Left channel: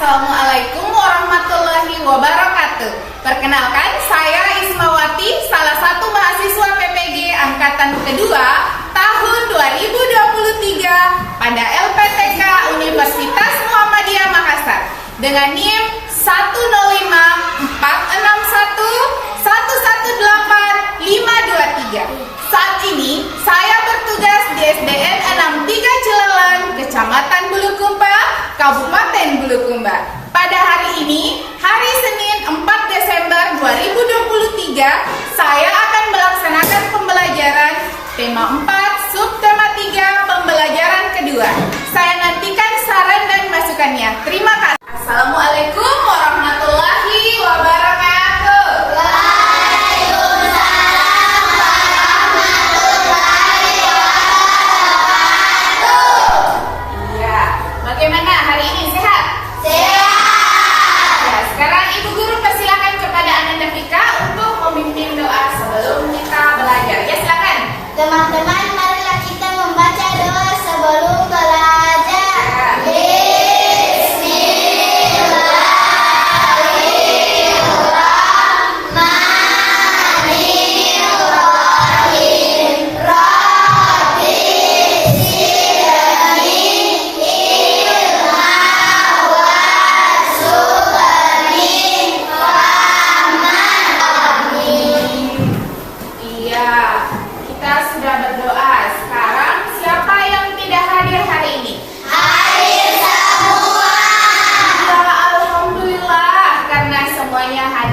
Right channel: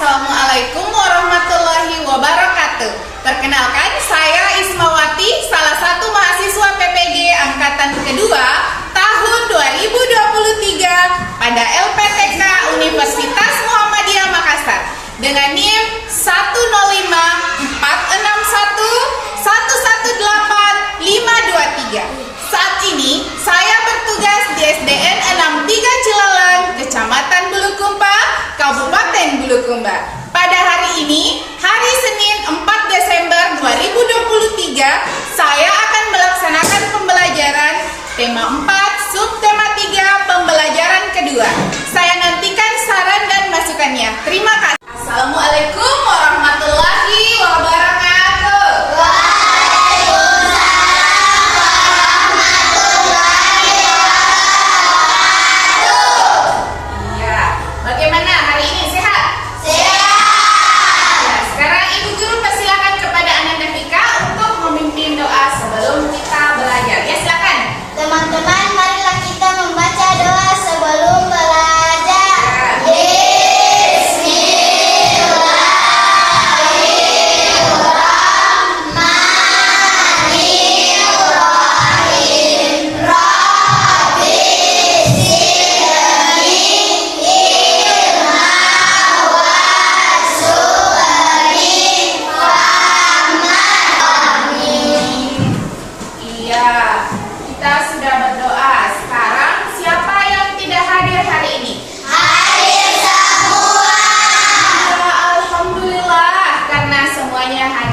Assalamualaikum warahmatullahi wabarakatuh. Perkenalkan, saya Ismawati, salah satu mahasiswa PPG Angkatan Kedua tahun 2023 pada LPTK Universitas Muhammadiyah Makassar dengan NIM 10541118523. Saat ini saya bertugas di SDN 63 Cilalang, Kecamatan Bulukumba, Kabupaten Bulukumba. Pada hari ini, hari Senin 4 Desember 2023, saya akan melaksanakan pembelajaran tema 4, subtema 3, pembelajaran kedua. Saya nantikan saran dan masukannya. Terima kasih. Assalamualaikum warahmatullahi wabarakatuh. Bagaimana hari ini, sehat? Sehat. Ya, sekarang Ibu Guru persilakan kepada Ananda Fika untuk memimpin doa sebelum kita belajar. Ya, silakan. Teman-teman, marilah kita membaca doa sebelum belajar.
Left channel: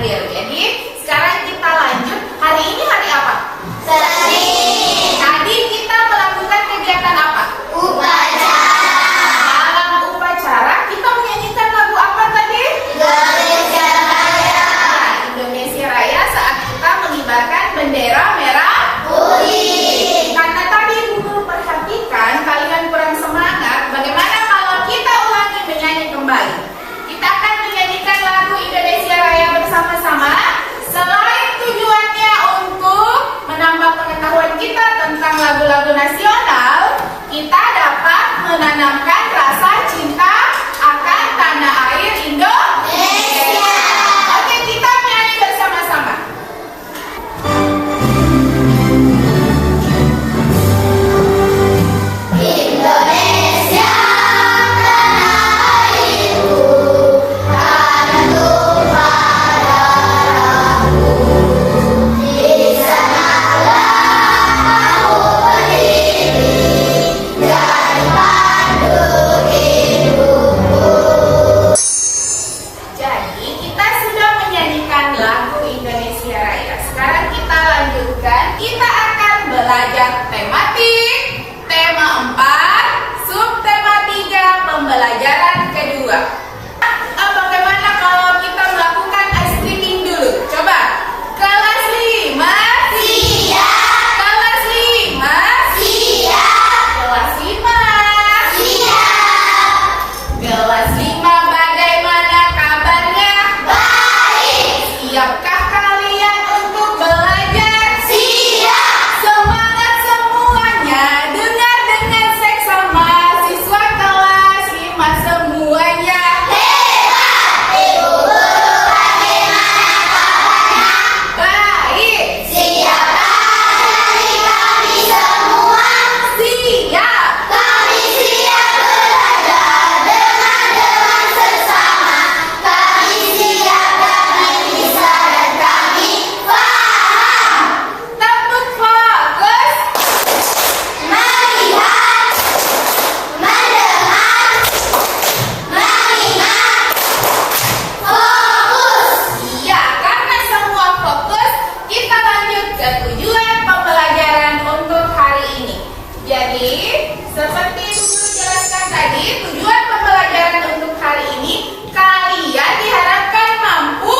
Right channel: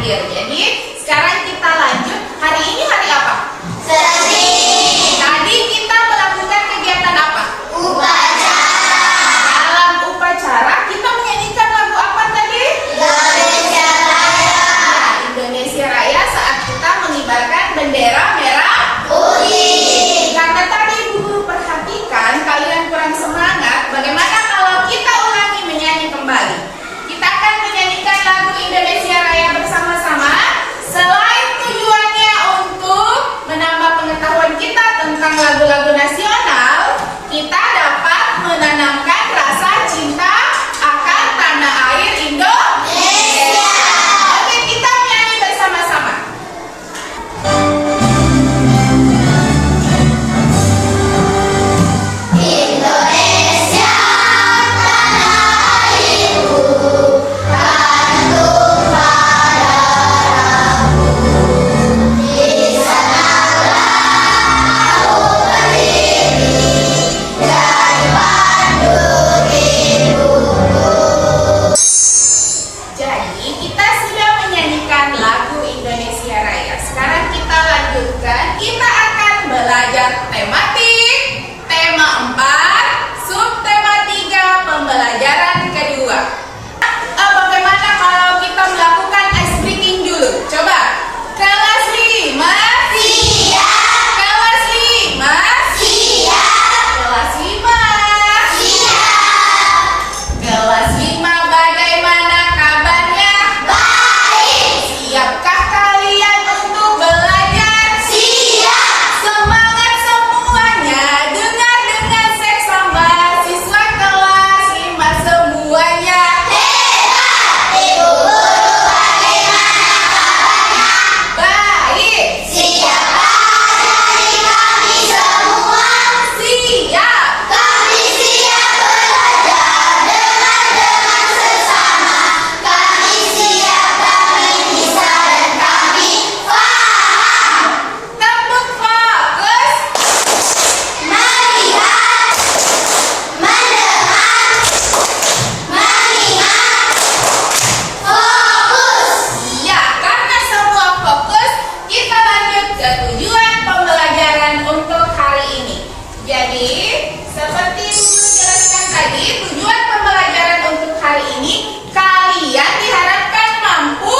Jadi sekarang kita lanjut. Hari ini hari apa? Senin. Tadi kita melakukan kegiatan apa? Upacara. Dalam upacara kita menyanyikan lagu apa tadi? Indonesia Raya. Nah, Indonesia Raya saat kita mengibarkan bendera merah putih. Karena tadi Ibu Guru perhatikan kalian kurang semangat. Bagaimana kalau kita ulangi menyanyi kembali? Kita akan menyanyikan lagu Indonesia Raya bersama-sama. Selain tujuannya untuk menambah pengetahuan kita tentang lagu-lagu nasional, kita dapat menanamkan rasa cinta akan tanah air Indonesia. Oke, kita menyanyi bersama-sama. Indonesia tanah airku, tanah tumpah darahku. Di sanalah aku berdiri dan pandu hidupku. Jadi kita sudah menyanyikan lagu Indonesia Raya. Sekarang kita lanjutkan. Kita akan belajar tematik, tema 4, subtema 3, pembelajaran kedua. Bagaimana kalau kita melakukan ice breaking dulu? Coba. Kelas 5. Siap. Kelas 5. Siap. Kelas 5. Siap. Kelas 5, bagaimana kabarnya? Baik. Siapkah kalian untuk belajar? Siap. Semangat semuanya. Dengar dengan seksama siswa kelas 5 semuanya. Hebat. Ibu Guru, bagaimana kabarnya? Baik. Siapkah dari kami semua? Siap. Kami siap belajar dengan sesama. Kami siap, kami bisa, dan kami paham. Tepuk fokus. Melihat, mendengar, mengingat, fokus. Iya, karena semua fokus, kita lanjut ke tujuan pembelajaran untuk hari ini. Jadi, seperti Ibu Guru jelaskan tadi, tujuan pembelajaran untuk hari ini, kalian diharapkan mampu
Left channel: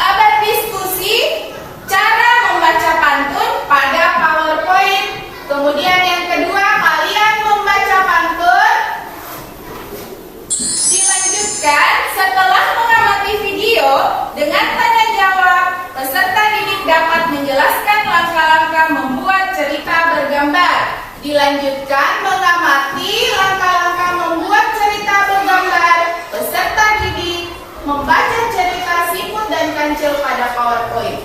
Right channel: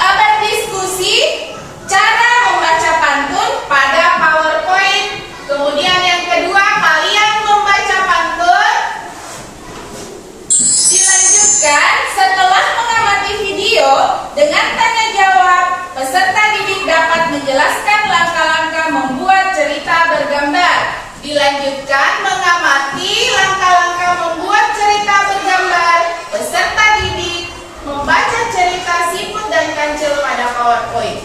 berdiskusi, cara membaca pantun pada PowerPoint. Kemudian yang kedua, kalian membaca pantun. Dilanjutkan setelah mengamati video dengan tanya jawab, peserta didik dapat menjelaskan langkah-langkah membuat cerita bergambar. Dilanjutkan mengamati langkah-langkah membuat cerita bergambar. Peserta didik Kancil pada PowerPoint.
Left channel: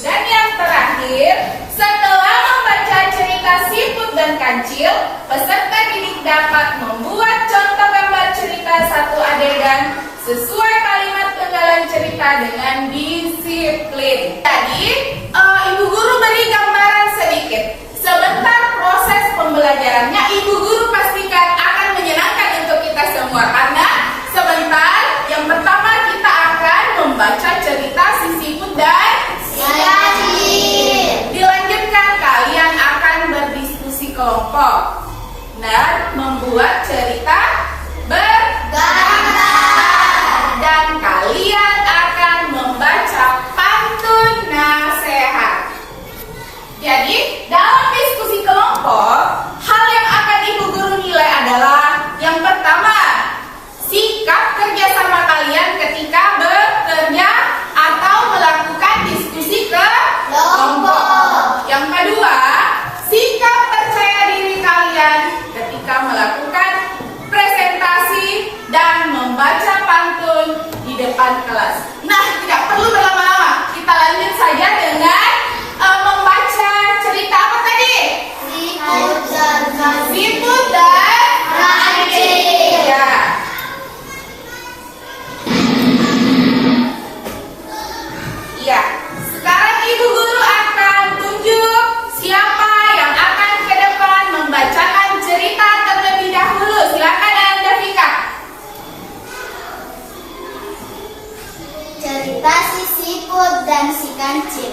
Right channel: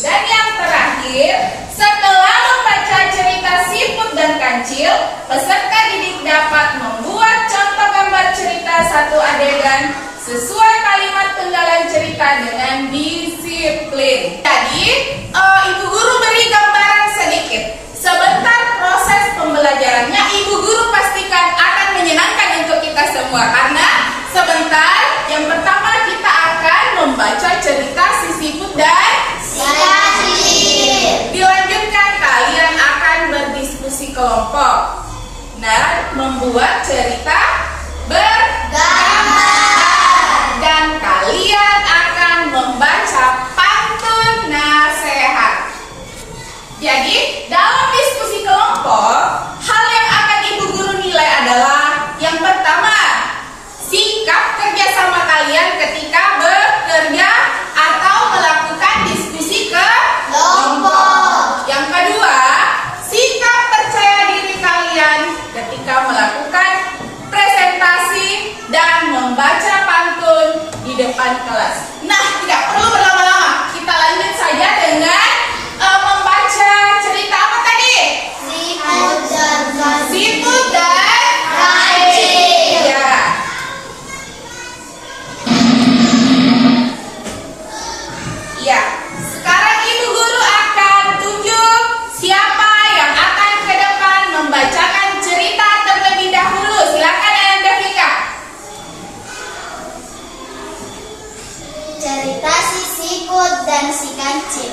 Dan yang terakhir, setelah membaca cerita Siput dan Kancil, peserta didik dapat membuat contoh gambar cerita satu adegan sesuai kalimat penggalan cerita dengan disiplin. Jadi, Ibu Guru beri gambaran sedikit. Sebentar proses pembelajarannya, Ibu Guru pastikan akan menyenangkan untuk kita semua. Karena sebentar, yang pertama kita akan membaca cerita si Siput dan Kancil. dilanjutkan kalian akan berdiskusi kelompok dan membuat cerita bergambar. Dan kalian akan membaca pantun nasihat. Jadi, dalam diskusi kelompok, hal yang akan Ibu Guru nilai adalah yang pertama, sikap kerjasama kalian ketika bekerja atau melakukan diskusi kelompok. Yang kedua, sikap percaya diri kalian ketika melakukan presentasi dan membaca pantun di depan kelas. Nah, tidak perlu berlama-lama. Kita lanjut saja dengan membaca cerita apa tadi? Siput dan Kancil. Ya. Ya. Sekarang Ibu Guru akan tunjuk siapa yang akan ke depan membacakan cerita terlebih dahulu. Silakan Anda Vika. Cerita si Siput dan si Kancil.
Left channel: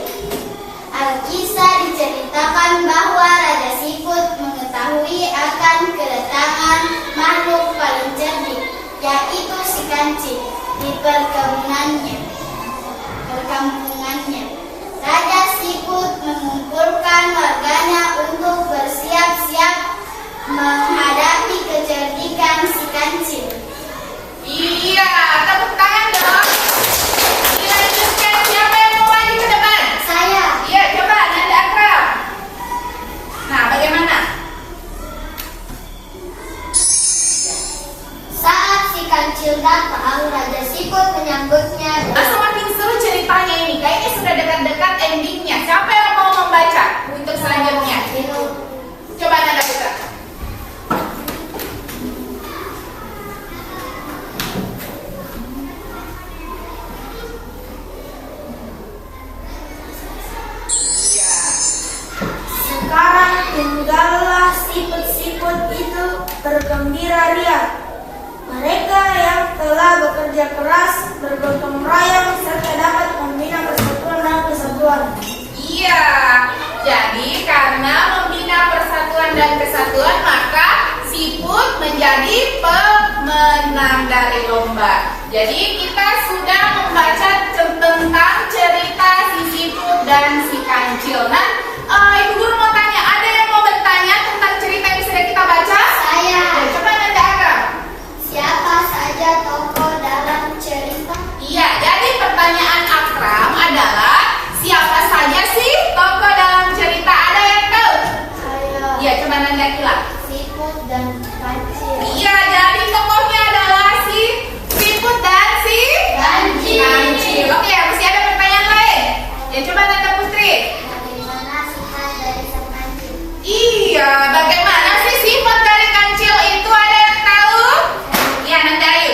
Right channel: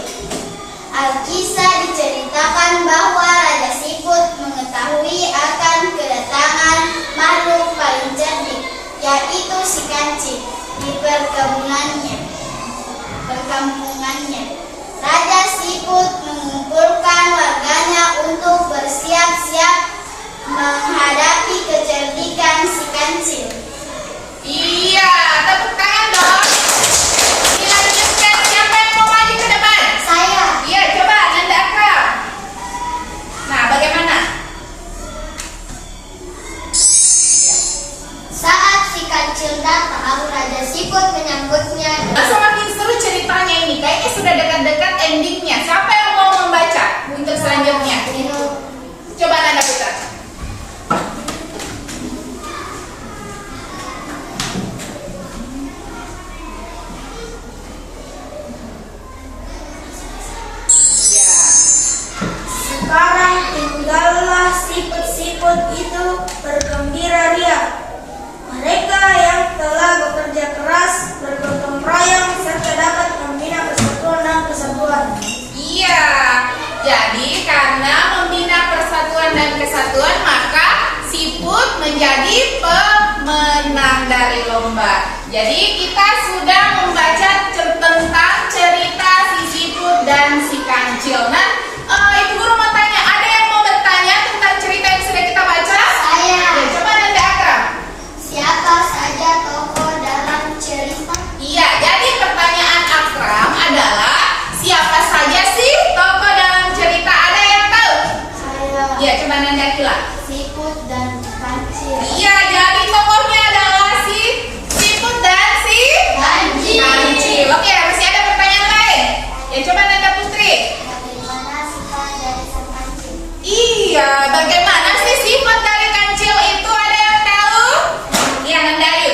Alkisah diceritakan bahwa Raja Siput mengetahui akan kedatangan makhluk paling cerdik, yaitu si Kancil, di perkampungannya. Raja Siput mengumpulkan warganya untuk bersiap-siap menghadapi kecerdikan si Kancil. Iya, tepuk tangan dong. Dilanjutkan, siapa yang mau maju ke depan? Saya. Iya, coba Nanda Akram. Nah, bagaimana? Saat si Kancil datang, Raja Siput menyambutnya. Semakin seru ceritanya ini. Kayaknya sudah dekat-dekat endingnya. Siapa yang mau membaca untuk selanjutnya? Coba Nanda Putra. Iya. Sekarang tinggallah siput-siput itu bergembira riang. Mereka yang telah bekerja keras, bergotong royong, serta dapat membina persatuan dan kesatuan. Iya, jadi karena membina persatuan dan kesatuan, maka Siput menjadi pemenang dari lomba. Jadi kita sudah membaca tentang cerita si Siput dan si Kancil. Nah, Ibu Guru mau tanya, ada yang mau bertanya tentang cerita yang sudah kita baca? Saya. Ya, coba Nanda Akram. Siapa saja tokoh dalam cerita? Iya, jadi pertanyaan Akram adalah siapa saja sih tokoh dalam cerita? Ada yang tahu? Saya. Iya, coba Nanda Kila. Siput dan Kancil. Iya, jadi tokohnya adalah si Siput dan si Kancil. Oke, masih ada pertanyaan lain? Ya, coba Nanda Putri. Bagaimana sifat dari sang Kancil? Iya, bagaimana sih sifat dari Kancil itu? Ada yang tahu? Iya, Nanda Ayu.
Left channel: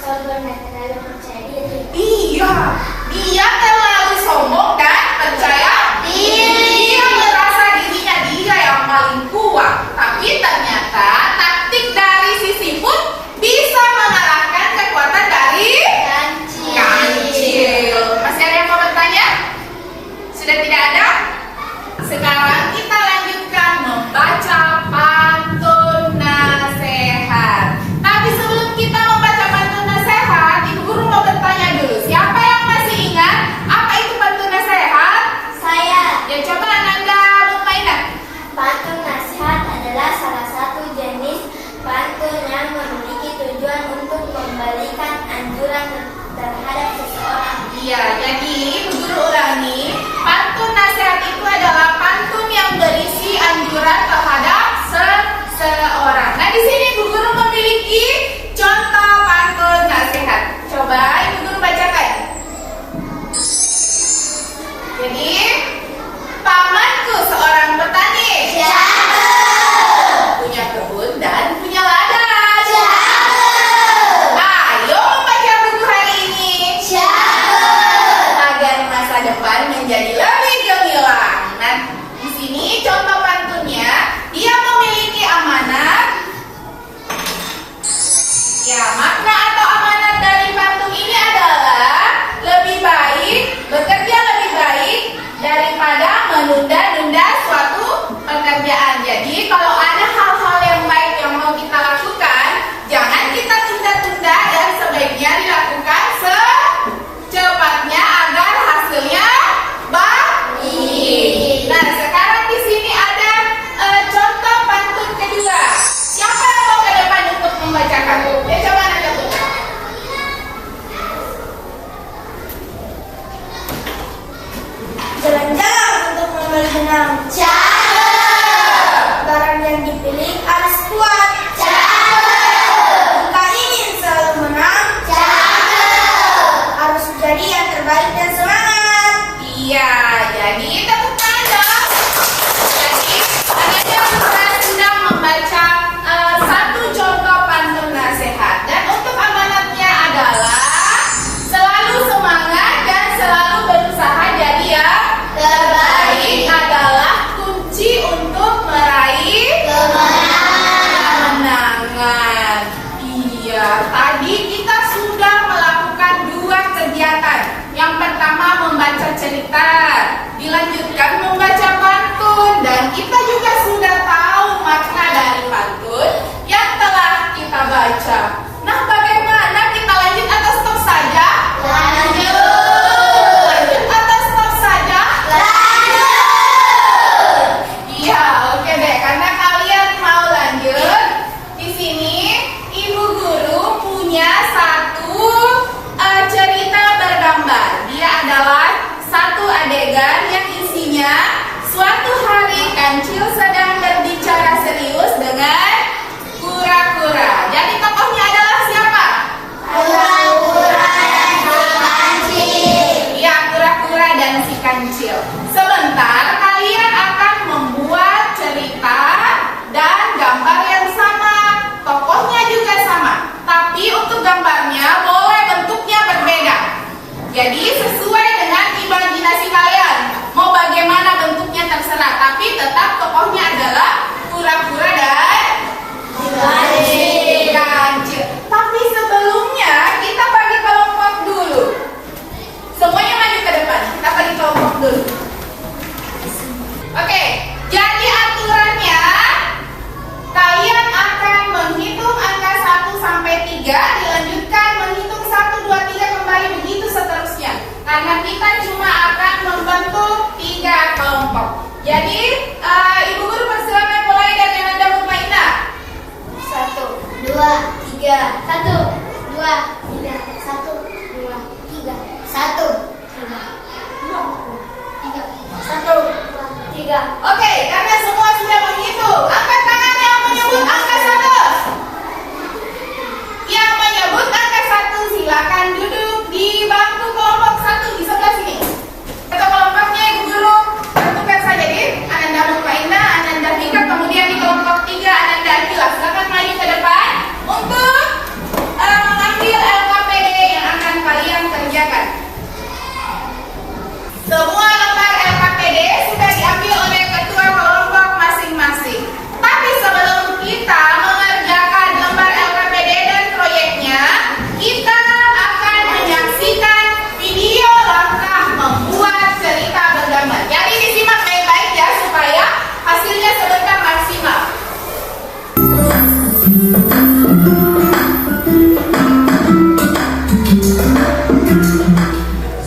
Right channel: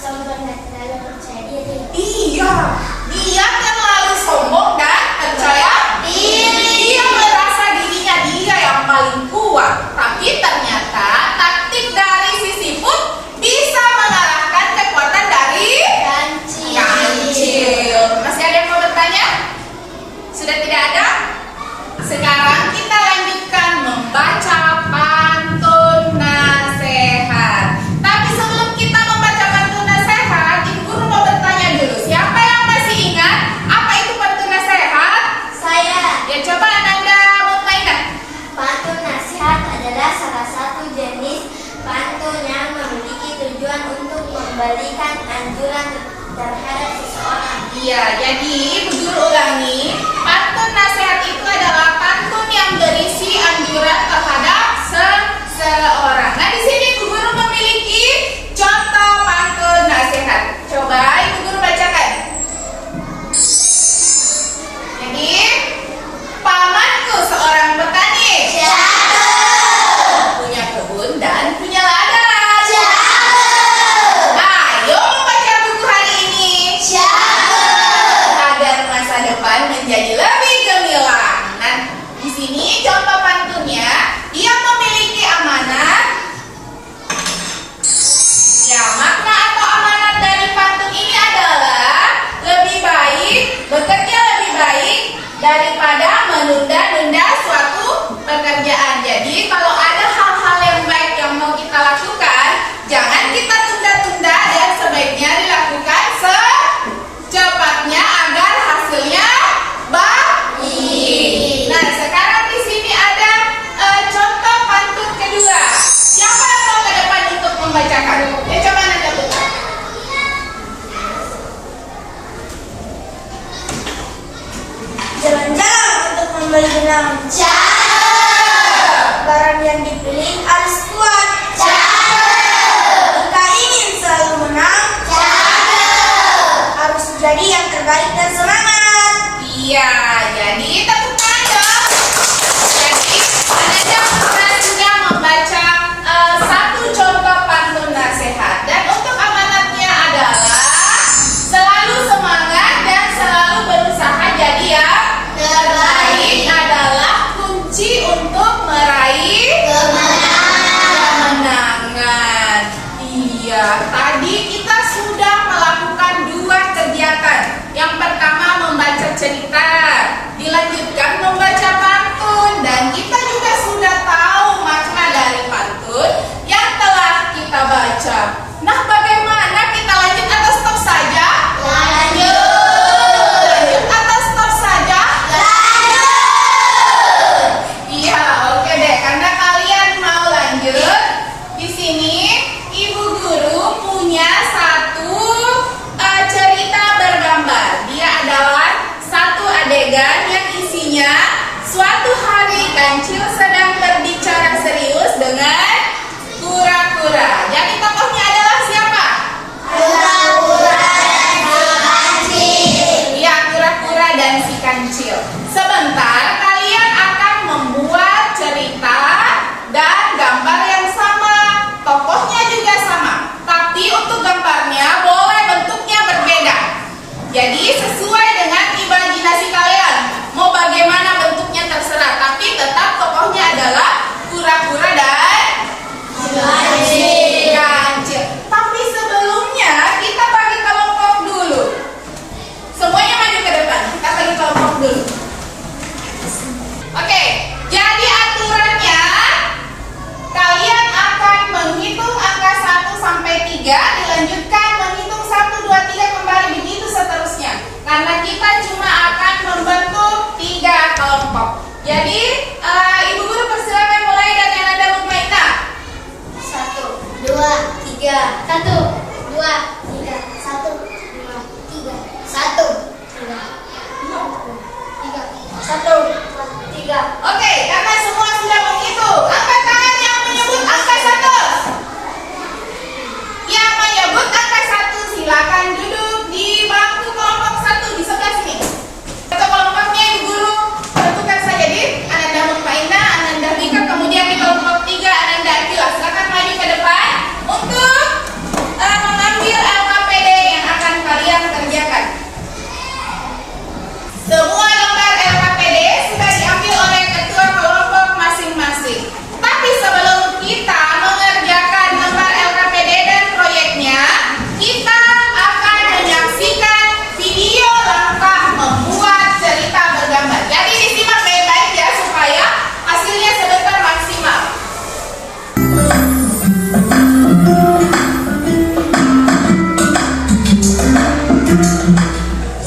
Sombong dan terlalu percaya diri. Iya, dia terlalu sombong dan percaya diri. Dia merasa dirinya dia yang paling kuat. Tapi ternyata taktik dari si Siput bisa mengalahkan kekuatan dari Kancil. Masih ada yang mau bertanya? Sudah tidak ada? Sekarang kita lanjutkan membaca pantun nasihat. Tapi sebelum kita membaca pantun nasihat, Ibu Guru mau bertanya dulu. Siapa yang masih ingat apa itu pantun nasihat? Saya. Ya, coba Ananda Mutmainah. Pantun nasihat adalah salah satu jenis pantun yang memiliki tujuan untuk memberikan anjuran terhadap seseorang. Iya, jadi Ibu Guru ulangi. Pantun nasihat itu adalah pantun yang berisi anjuran terhadap seseorang. Nah, di sini Ibu Guru memiliki contoh pantun nasihat. Coba Ibu Guru baca Ya, tadi kita sudah melakukan dua kegiatan. Yang pertama membaca cerita, dilanjutkan membaca pantun, dan kita juga sudah tahu makna dari pantun yang telah kita baca. Nah, bagaimana kita lanjut atau stop saja? Lanjut atau stop saja? Iya, oke deh. Karena kalian mau lanjut, di sini Ibu Guru punya satu cerita bergambar. Dia adalah satu adegan yang isinya suatu hari kancil sedang berbicara serius dengan kura-kura. Jadi tokohnya adalah siapa? Kura-kura dan si kancil. Ya, kura-kura dan si kancil. Sebentar kalian akan membuat cerita dan gambar yang sama. Tokohnya juga sama, tapi untuk gambarnya boleh bentuknya berbeda. Jadi sesuai dengan imajinasi kalian. Mau bagaimana bentuknya terserah, tapi tetap tokohnya adalah kura-kura dan si kancil. Tapi sebelumnya kita bagi kelompok dulu. Semuanya maju ke depan. Kita bagi kelompok dulu. Oke, jadi aturannya kalian akan menghitung angka 1 sampai 3, dilanjutkan menghitung 1, 2, 3 kembali begitu seterusnya. Karena kita cuma akan membentuk 3 kelompok. Jadi Ibu Guru persilakan mulai dari Ananda Mutmainah. 1, 2, 3. 1, 2, 3. 1, 2, 3. 1, 2, 3. 1, 2, 3. Oke, karena semua sudah menghitung, angkat tangan yang menyebut angka 1. Yang menyebut angka 1 silakan duduk di bangku kelompok 1 di sebelah sini. Atau kelompoknya Ibu Guru bertukar saja di Ananda Mutmainah, Ananda Vika, kemudian di kelompok 3 Ananda Akila. Silakan maju ke depan untuk mengambil LKPD yang akan kalian kerjakan. Semua lembar LKPD sudah diambil oleh ketua kelompok masing-masing. Tapi sebelum kita mengerjakan lembar LKPD dan proyeknya, kita akan menyaksikan video langkah membuat cerita bergambar. Jadi disimak baik-baik ya supaya hasilnya sebentar maksimal.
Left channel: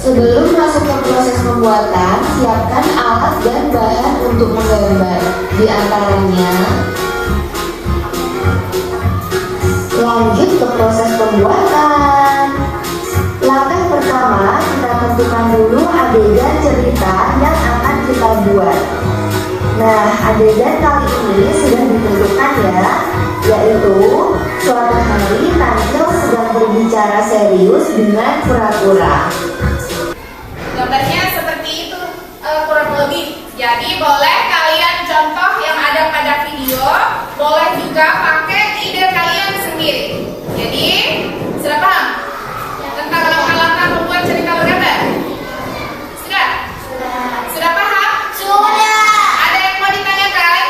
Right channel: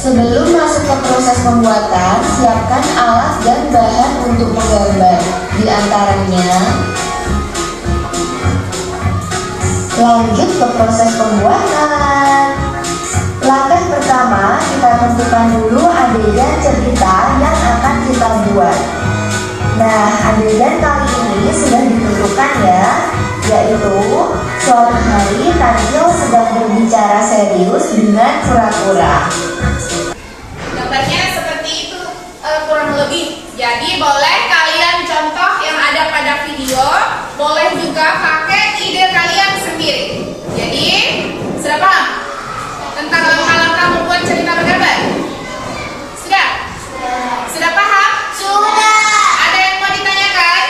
Sebelum masuk ke proses pembuatan, siapkan alat dan bahan untuk menggambar. Di antaranya, lanjut ke proses pembuatan. Langkah pertama, kita tentukan dulu adegan cerita yang akan kita buat. Nah, adegan kali ini sudah ditentukan ya, yaitu suatu hari Kancil sedang berbicara serius dengan kura-kura. Gambarnya seperti itu kurang lebih. Jadi boleh kalian contoh yang ada pada video, boleh juga pakai ide kalian sendiri. Jadi sudah paham tentang langkah-langkah membuat cerita bergambar? Sudah? Sudah paham? Sudah. Ada yang mau ditanyakan?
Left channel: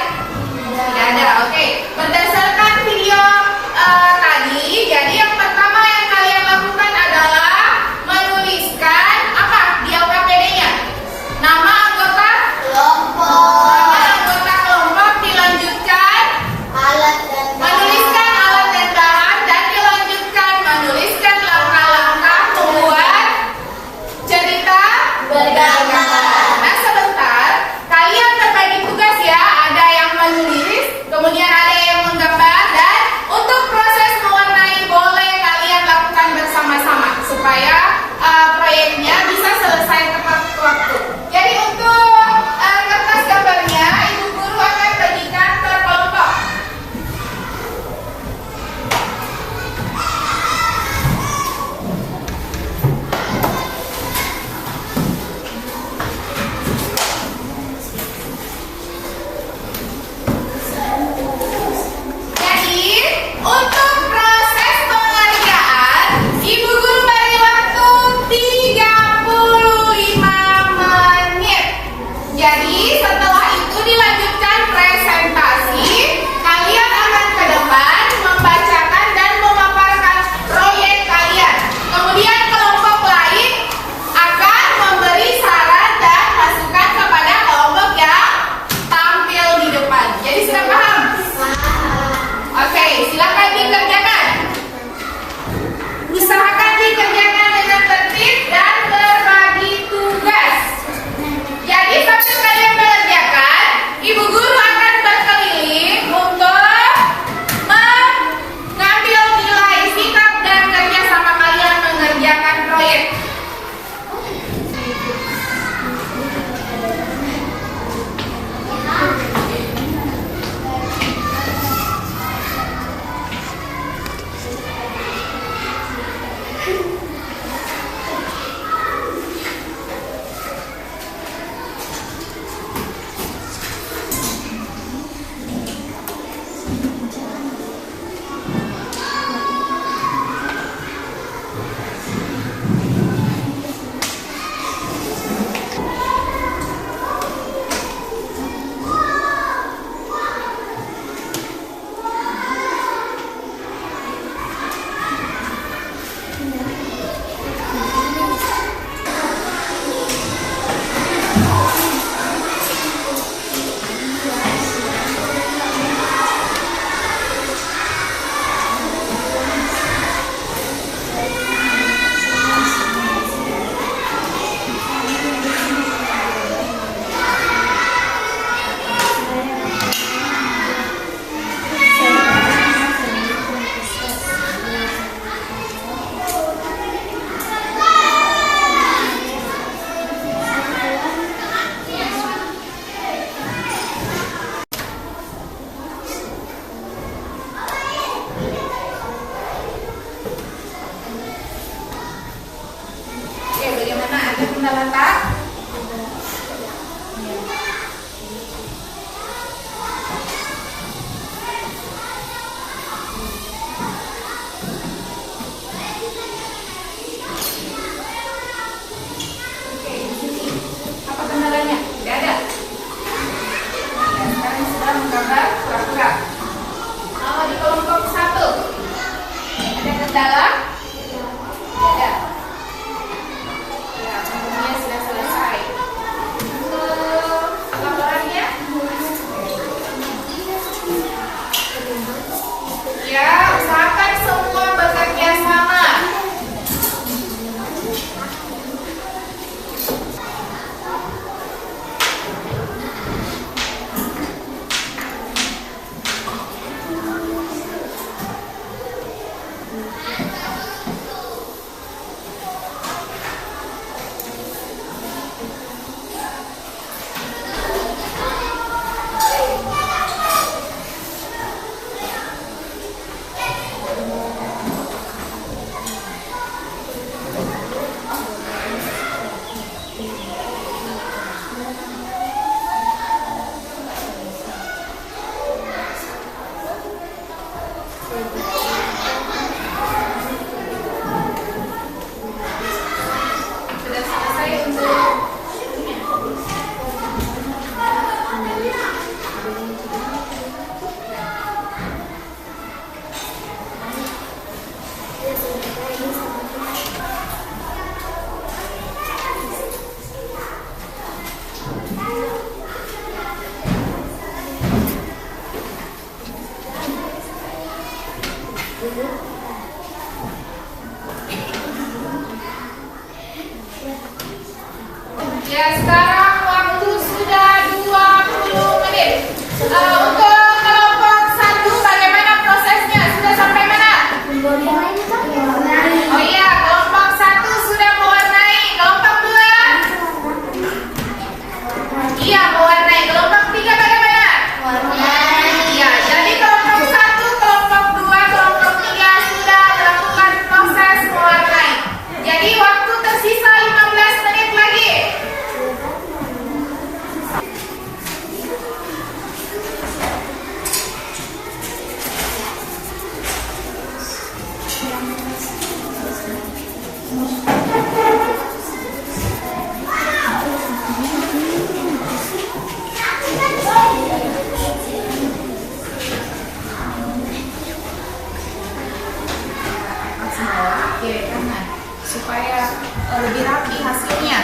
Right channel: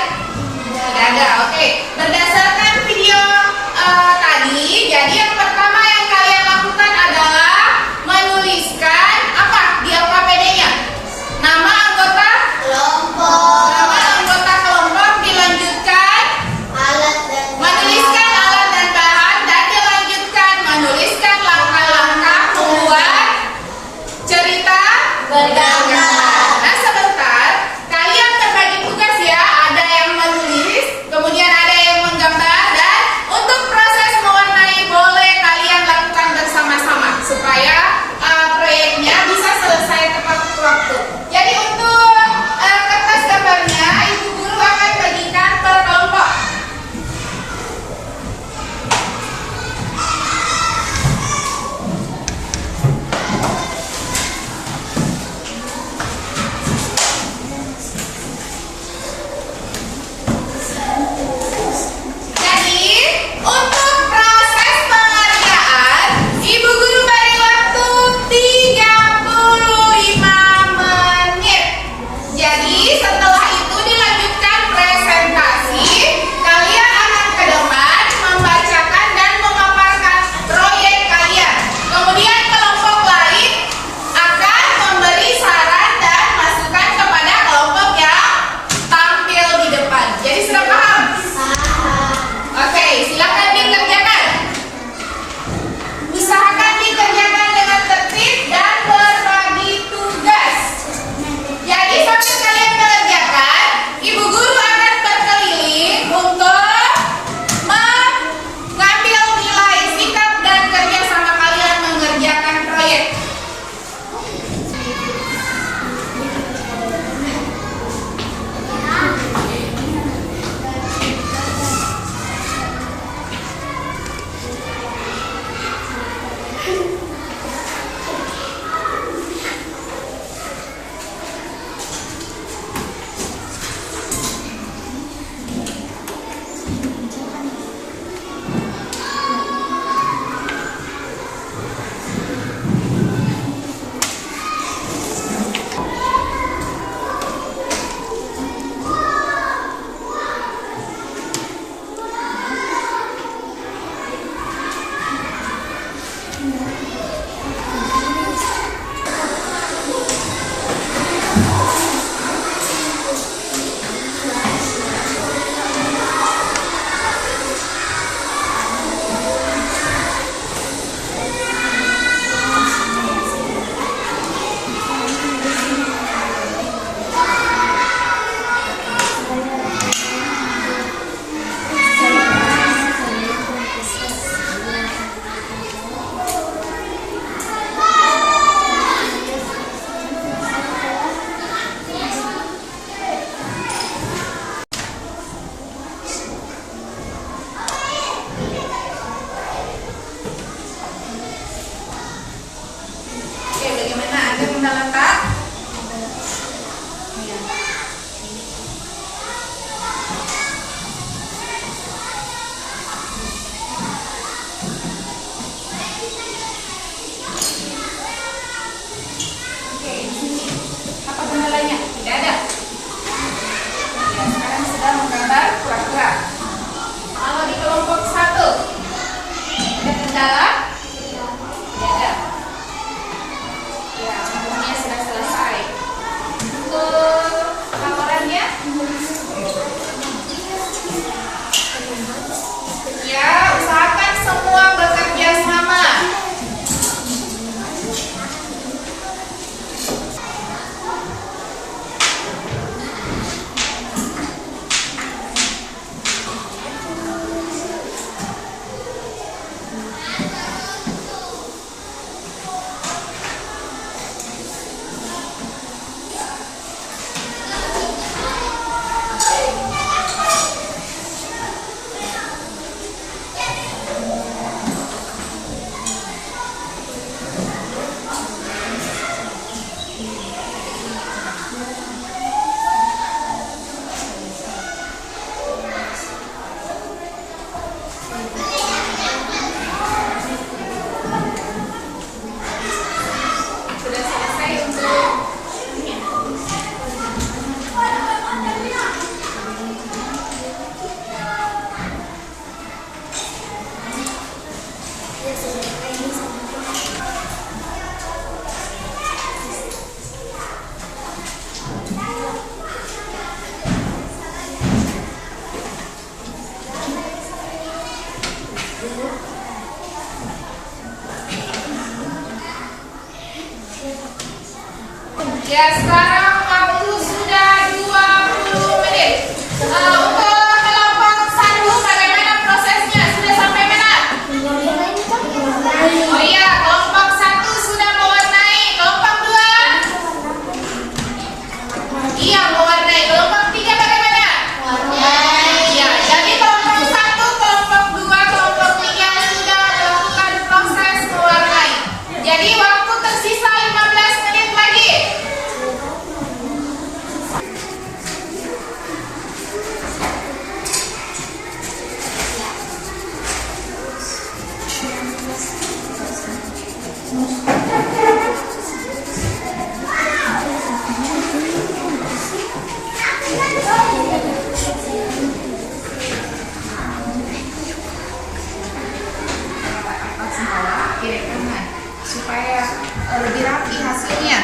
Tidak ada. Oke. Berdasarkan video tadi, jadi yang pertama yang kalian lakukan adalah menuliskan apa di LKPD-nya? Nama anggota Kelompok. Nama anggota kelompok, dilanjutkan Alat dan menuliskan alat dan bahan, Oke, bagaimana Anda kendala Kak? Oke, di sini apa kendalanya? Tidak ada. Ya, sekarang sudah menggambar kura-kura. Kalau di kelompok 1 ada kendala? Tidak ada. Ya, umumnya sudah selesai. Ke laporannya? Ya, usahakan semua bekerja sama. Sudah selesai untuk ya, sekarang waktu sudah 20 menit. Untuk kelompok 1 bagaimana prosesnya? Sudah sampai mana? Oh iya, kelompok 1 sudah mewarnai. Kelompok 2? Iya, mewarnai. Kelompok 3 bagaimana? Ya, jadi kelompok 1, kelompok 2, kelompok 3 sudah melakukan proses mewarnai. Jadi waktu tersisa 15 menit lagi. Atas bawah, kiri kanan, supaya lebih rapi hasilnya.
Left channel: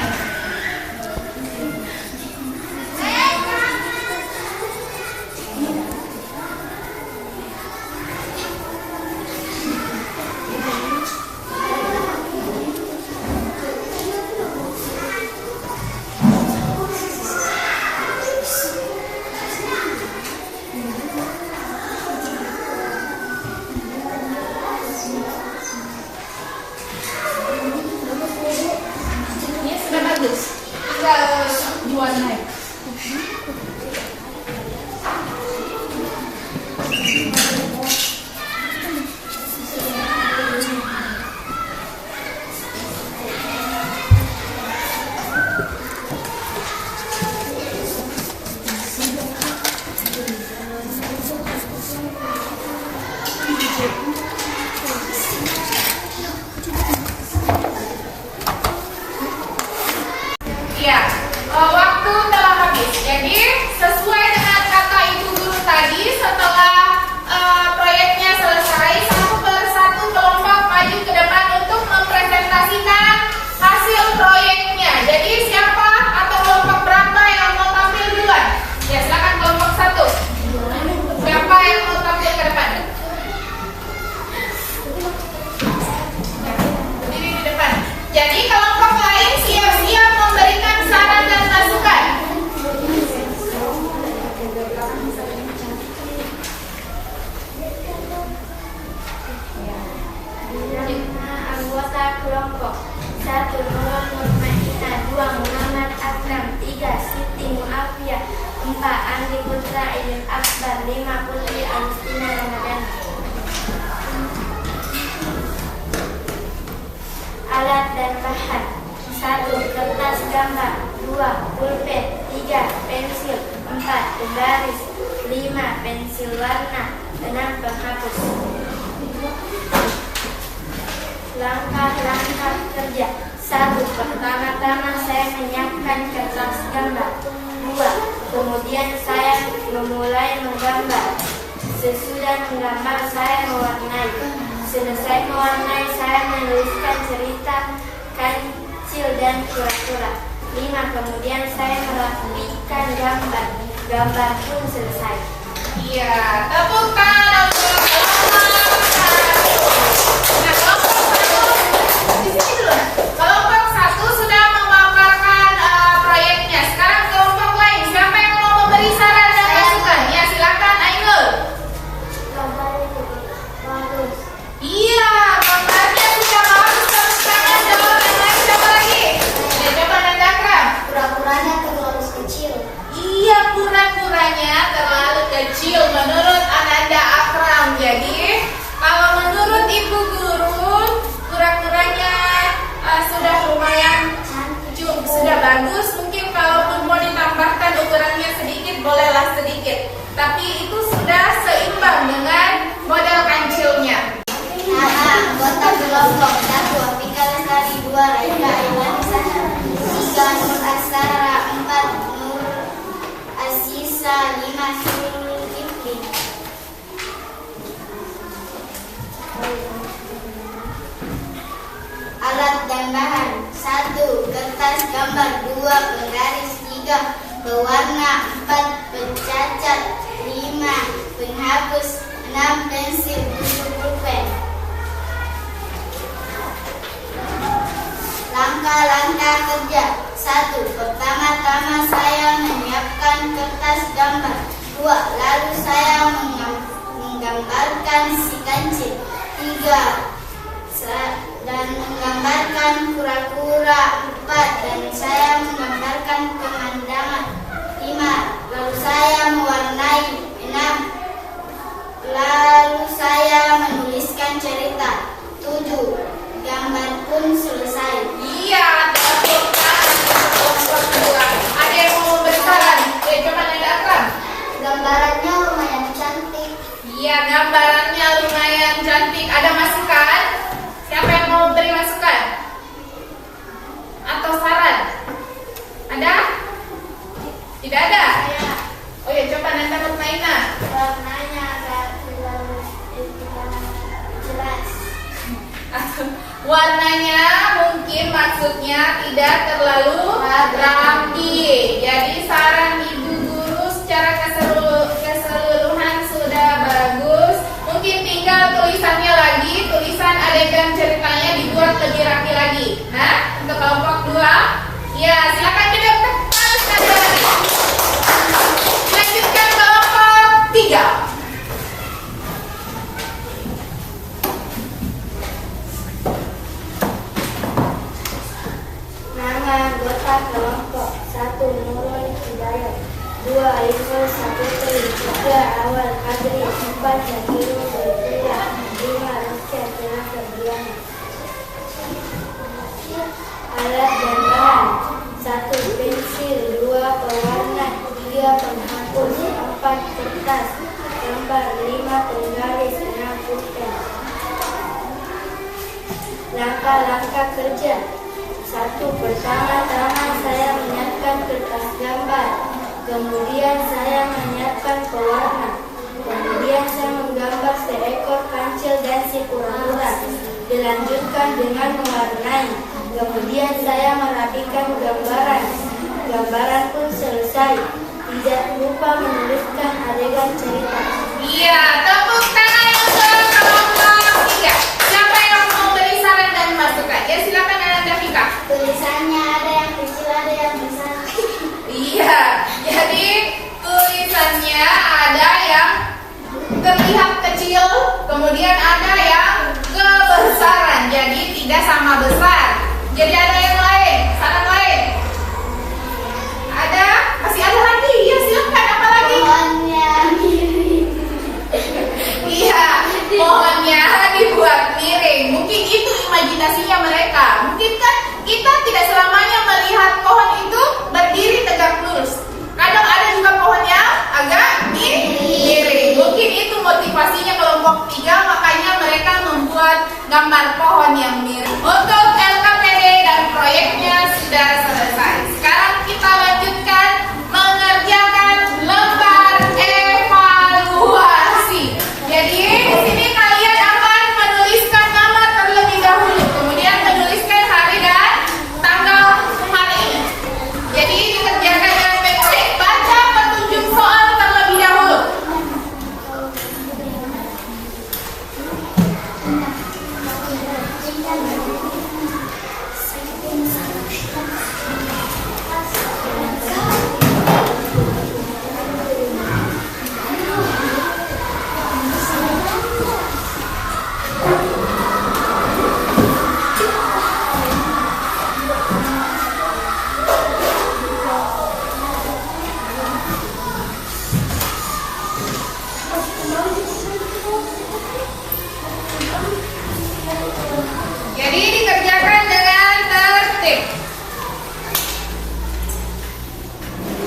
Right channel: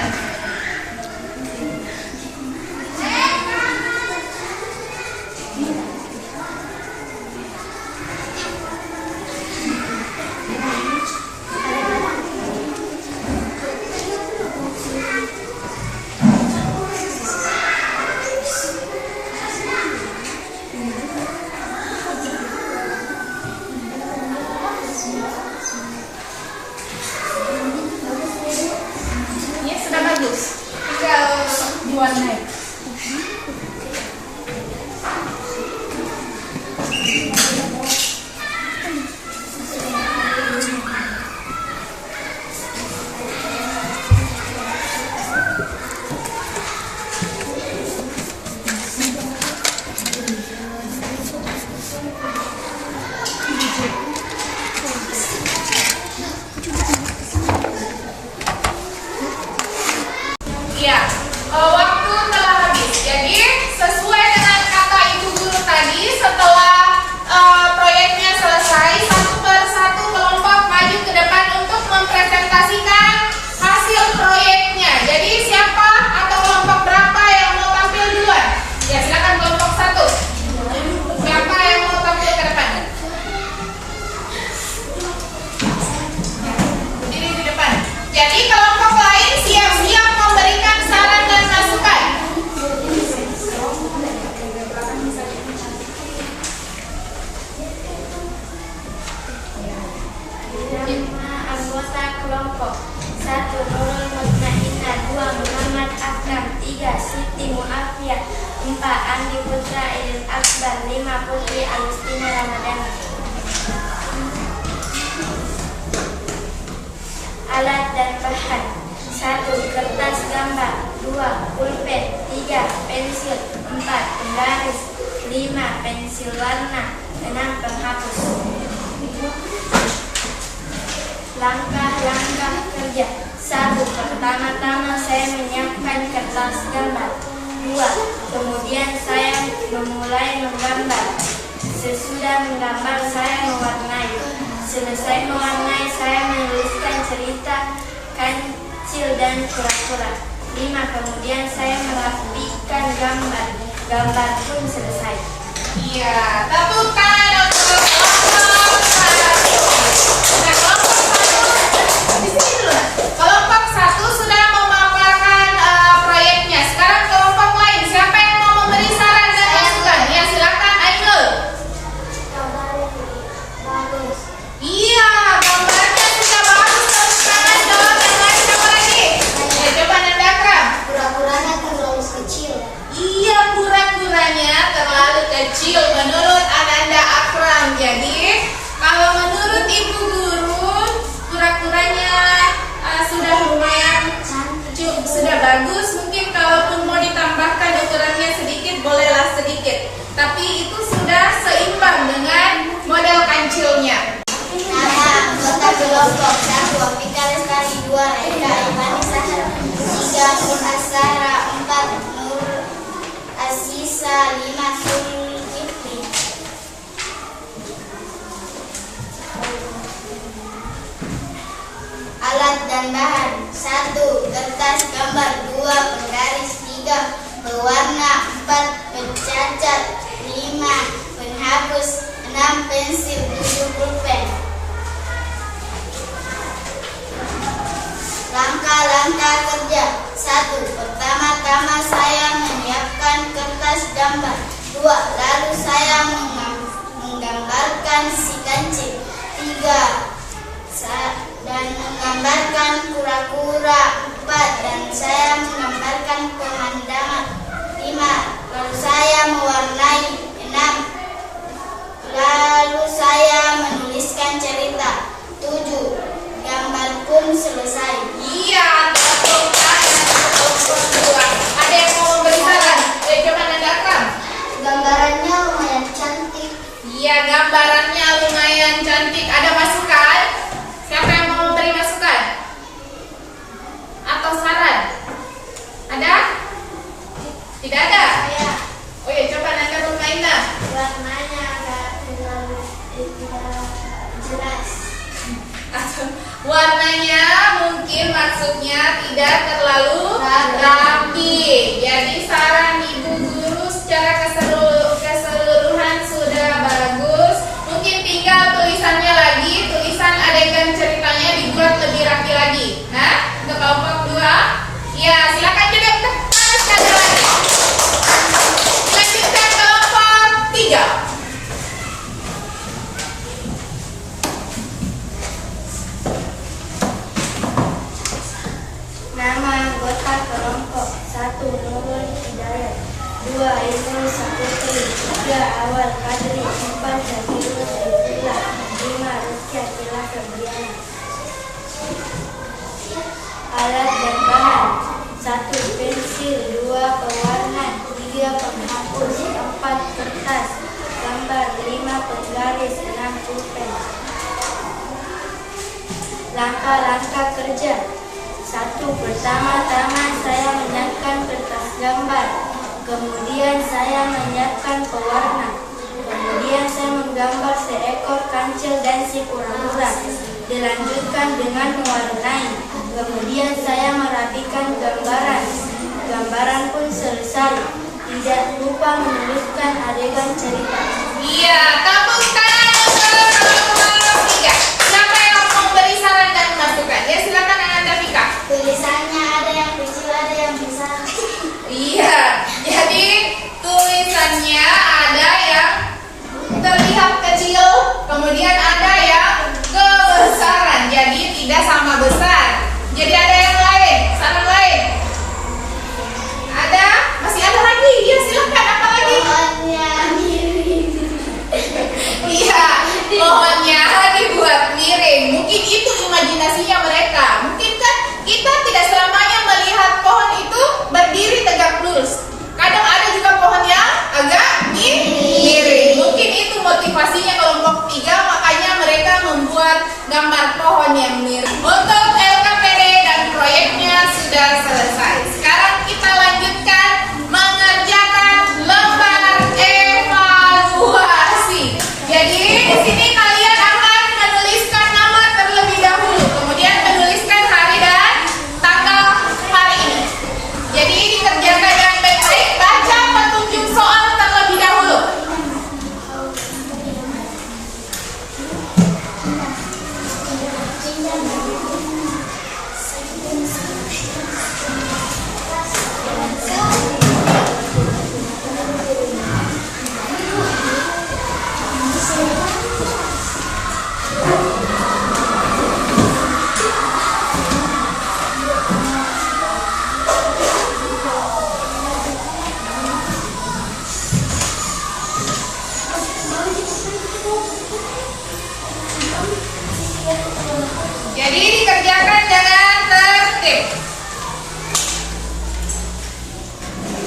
Ini sudah bagus. Jadi kelompok lain siap-siap memberikan saran dan masukan. Anggota kelompok 1. Nurul Mutmainah, 2. Muhammad Akram, 3. Siti Muafiyah, 4. Andi Putra Idil Akbar, 5. Putri Agustina Ramadhani. Alat dan bahan: 1. Kertas gambar, 2. pulpen, 3. Pensil, 4. penggaris, 5. pensil warna, 6. penghapus. Langkah-langkah kerja: 1. Pertama-tama saya menyiapkan kertas gambar. 2. Kemudian saya memulai menggambar. Sesudah menggambar saya mewarnai. Selesai mewarnai saya menuliskan cerita, kancil dan kura-kura. 5. Kemudian saya merapikan gambar. Gambar pun selesai. Iya, tepuk tangan untuk kelompok 1. Nah, kelompok 1 di sini dulu. Kelompok 1 sudah memaparkan proyeknya. Sekarang kelompok lain, siapa yang mau memberi saran dan masukan? Ya, silakan Ainul. Gambarnya bagus. Iya, gambarnya sudah bagus. Tepuk tangan dong. Yang lain siapa lagi? Ya, coba Nanda Akram. Kura-kuranya terlalu kecil. Iya, kura-kuranya terlalu kecil menurut Ananda Akram. Jadi, kalau menurut Ibu Guru, kura-kuranya sudah lumayan sudah bagus. Mungkin kalaupun mau ditambahkan ukurannya sedikit, bolehlah sedikit. Tapi itu sudah seimbang dengan model kancilnya. Nama anggota kelompok 1. Afika Lestari, 2. Raika Imani Sahra, 3. Nur Asara, 4. Nur Asisa, 5. Zulkifli. Alat dan bahan: 1. Kertas gambar, 2. penggaris, 3. pewarna, 4. pencacat, 5. penghapus, 6. pensil, 7. pulpen. Langkah-langkah kerja: 1. Pertama-tama saya menyiapkan kertas gambar. 2. Lalu saya menggambarkan si kancil. 3. Dan menggambarkan kura-kura. 4. Dan saya menggambarkan pemandangan. 5. Lalu saya mewarnai. 6. Lalu saya menuliskan cerita. 7. Gambar pun selesai. Iya, tepuk tangan untuk kelompok 2. Ada yang mau memberi saran? Coba Nanda Akram. Gambarannya lumayan cantik. Iya, gambarannya lumayan cantik. Ada masukan? Siapa yang mau memberi masukan? Atau saran? Ada? Tidak ada? Ya, Oh ya, coba Nanda Mutmainah. warnanya agak terlalu jelas. Atau warnanya mungkin maksudnya tidak terlalu rapi. Jadi saran Ibu Guru secara keseluruhan sudah bagus. Mungkin tinggal tulisannya lagi, tulisan adegan ceritanya dibuat lebih rapi lagi. Nah, untuk kelompok 2, ya silakan duduk tepat sekali lagi. Lanjutkan kelompok 3. Nama anggota kelompok 1. Nurul Hidayat, 2. Ainul Saputri, 3. Awal Kadri, 4. Zakirul Saifullah, 5. Rizka Kila Febriana. Alat dan bahan: 1. pensil, 2. pewarna, 3. penghapus, 4. kertas gambar, 5. penggaris, 6. pulpen. Langkah-langkah kerja: 1. Pertama-tama saya menyiapkan kertas gambar. Kemudian saya menyiapkan pewarna. Kemudian saya menggambar seekor kancil dan si kura-kura. Dilanjutkan dengan mewarnai. Kemudian saya merapikan gambaran. Gambaran pun selesai. Tidak lupa menuliskan adegan cerita. Iya, tepuk tangan untuk kelompok 3. Siapa yang mau beri saran dan masukan? Ya silakan Ananda Fika. gambar pohon yang mirip. Untuk LKPD dan proyeknya sudah selesai. Sekarang kita lanjutkan mengerjakan lembar evaluasi. Jadi di sini kalian akan menuliskan nama terlebih dahulu, kemudian menuliskan hari dan tanggal hari ini. Jadi dikerjakan dengan baik-baik. Baca petunjuk soal terlebih dahulu. Jadi dikerjakan dengan tertib.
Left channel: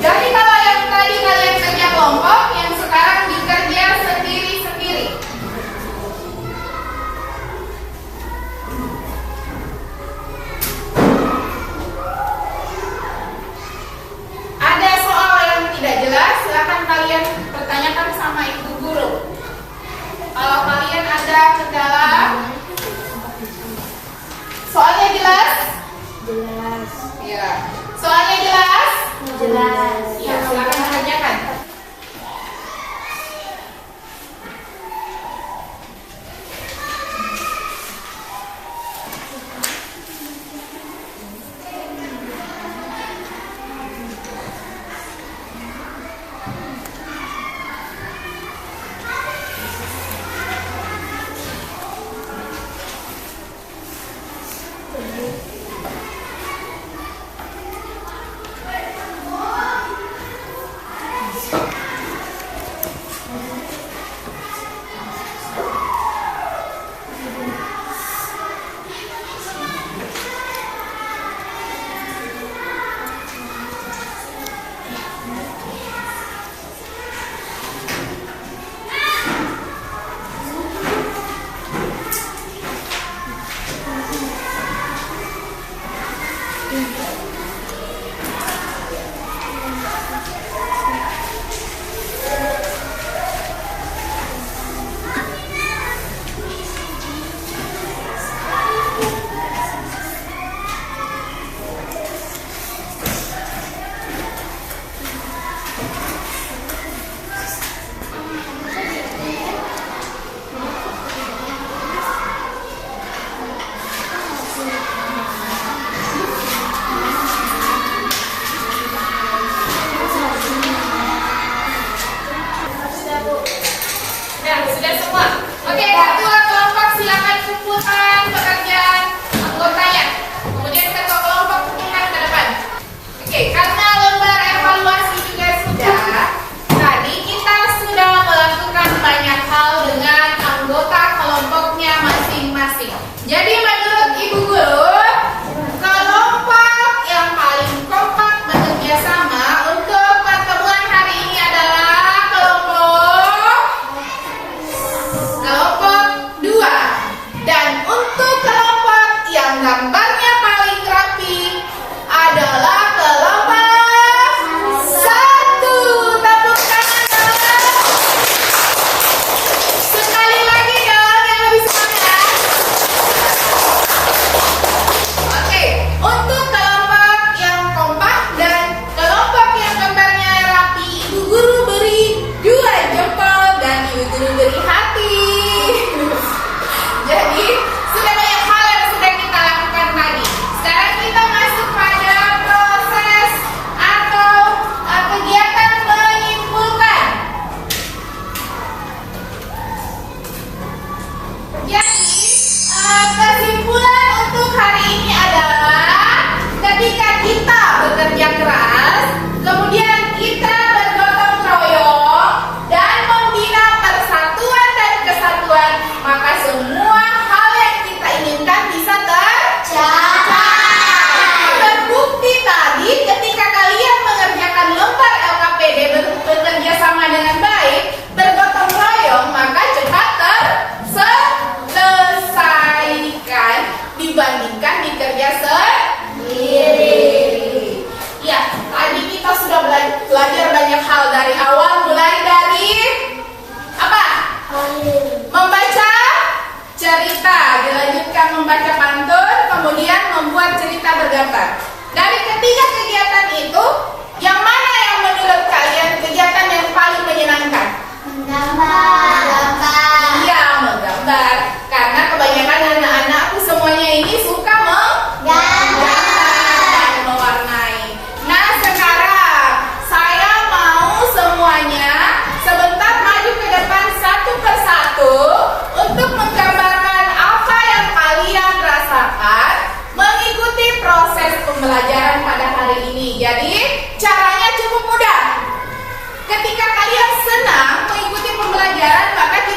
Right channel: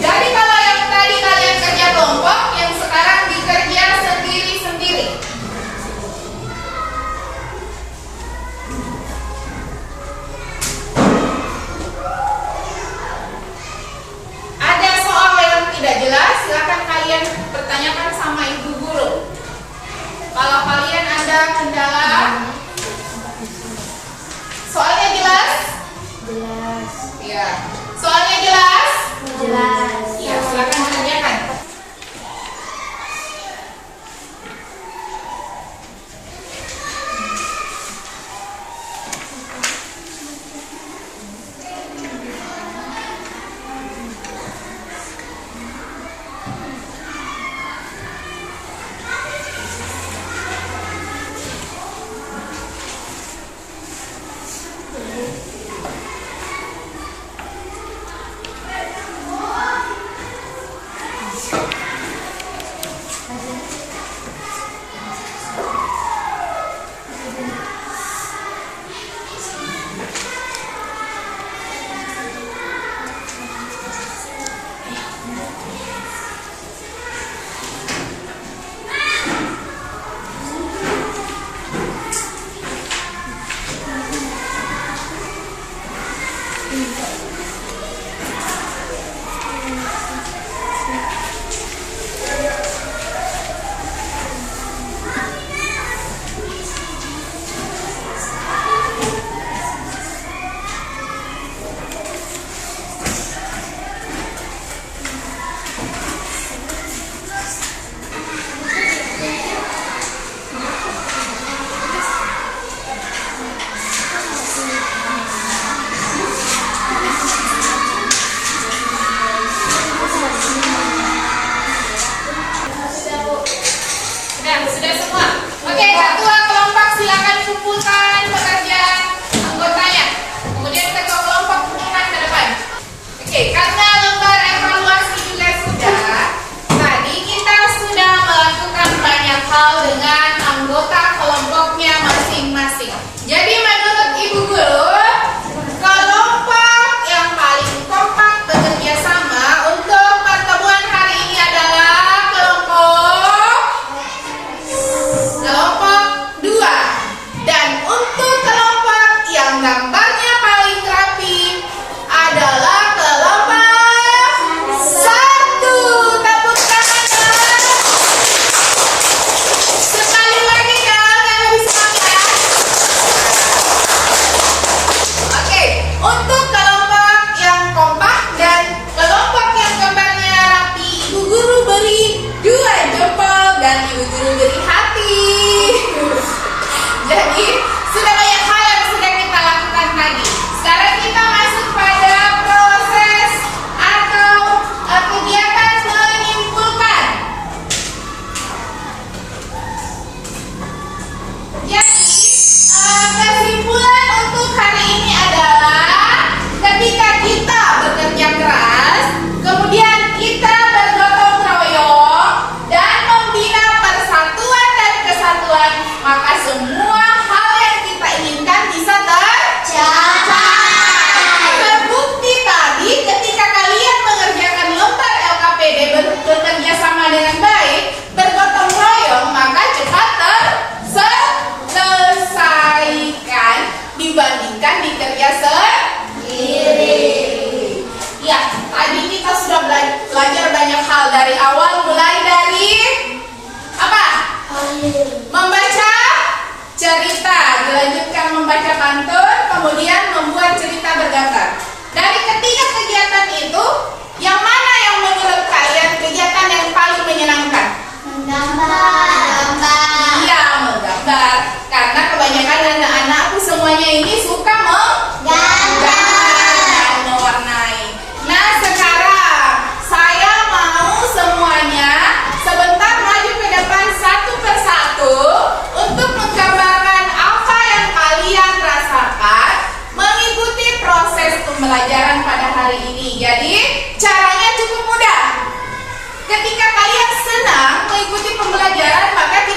Jadi kalau yang tadi kalian kerja kelompok, yang sekarang dikerja sendiri-sendiri. Ada soal yang tidak jelas, silakan kalian pertanyakan sama ibu guru. Kalau kalian ada kendala, soalnya jelas? Jelas. Iya. Soalnya jelas? Jelas. Iya, silakan tanyakan. Sudah semua. Oke, ketua kelompok silakan kumpulkan pekerjaan anggotanya. Kemudian ketua kelompok kumpulkan ke depan. Oke, karena lembar evaluasi juga sudah. Tadi kita sudah melakukan banyak hal dengan anggota kelompoknya masing-masing. Jadi menurut ibu guru, kelompok yang paling kompak bekerja sama untuk pertemuan hari ini adalah kelompok 2. Dan untuk kelompok yang gambarnya paling rapi adalah kelompok 1. Tepuk tangan dong. Sekali lagi dong yang lebih semangat. dibandingkan dikerja sendiri. Ya, tadi kita sudah belajar banyak hal dari awal, mulai dari apa? Membaca cerita, dilanjutkan membaca pantun, kemudian membuat cerita bergambar. Dari ketiga kegiatan itu, yang mana yang menurut kalian kegiatan yang paling menyenangkan? Iya, menggambar. Karena kebanyakan anak-anakku semuanya ini suka menggambar dan mewarnai. Nah, sekarang saya mau semuanya sebentar maju ke depan satu persatu untuk menggambarkan apa yang kalian rasakan mengikuti proses pembelajaran pada hari ini. Jadi, caranya cukup mudah. Ketika kalian senang mengikuti pembelajaran, maka kita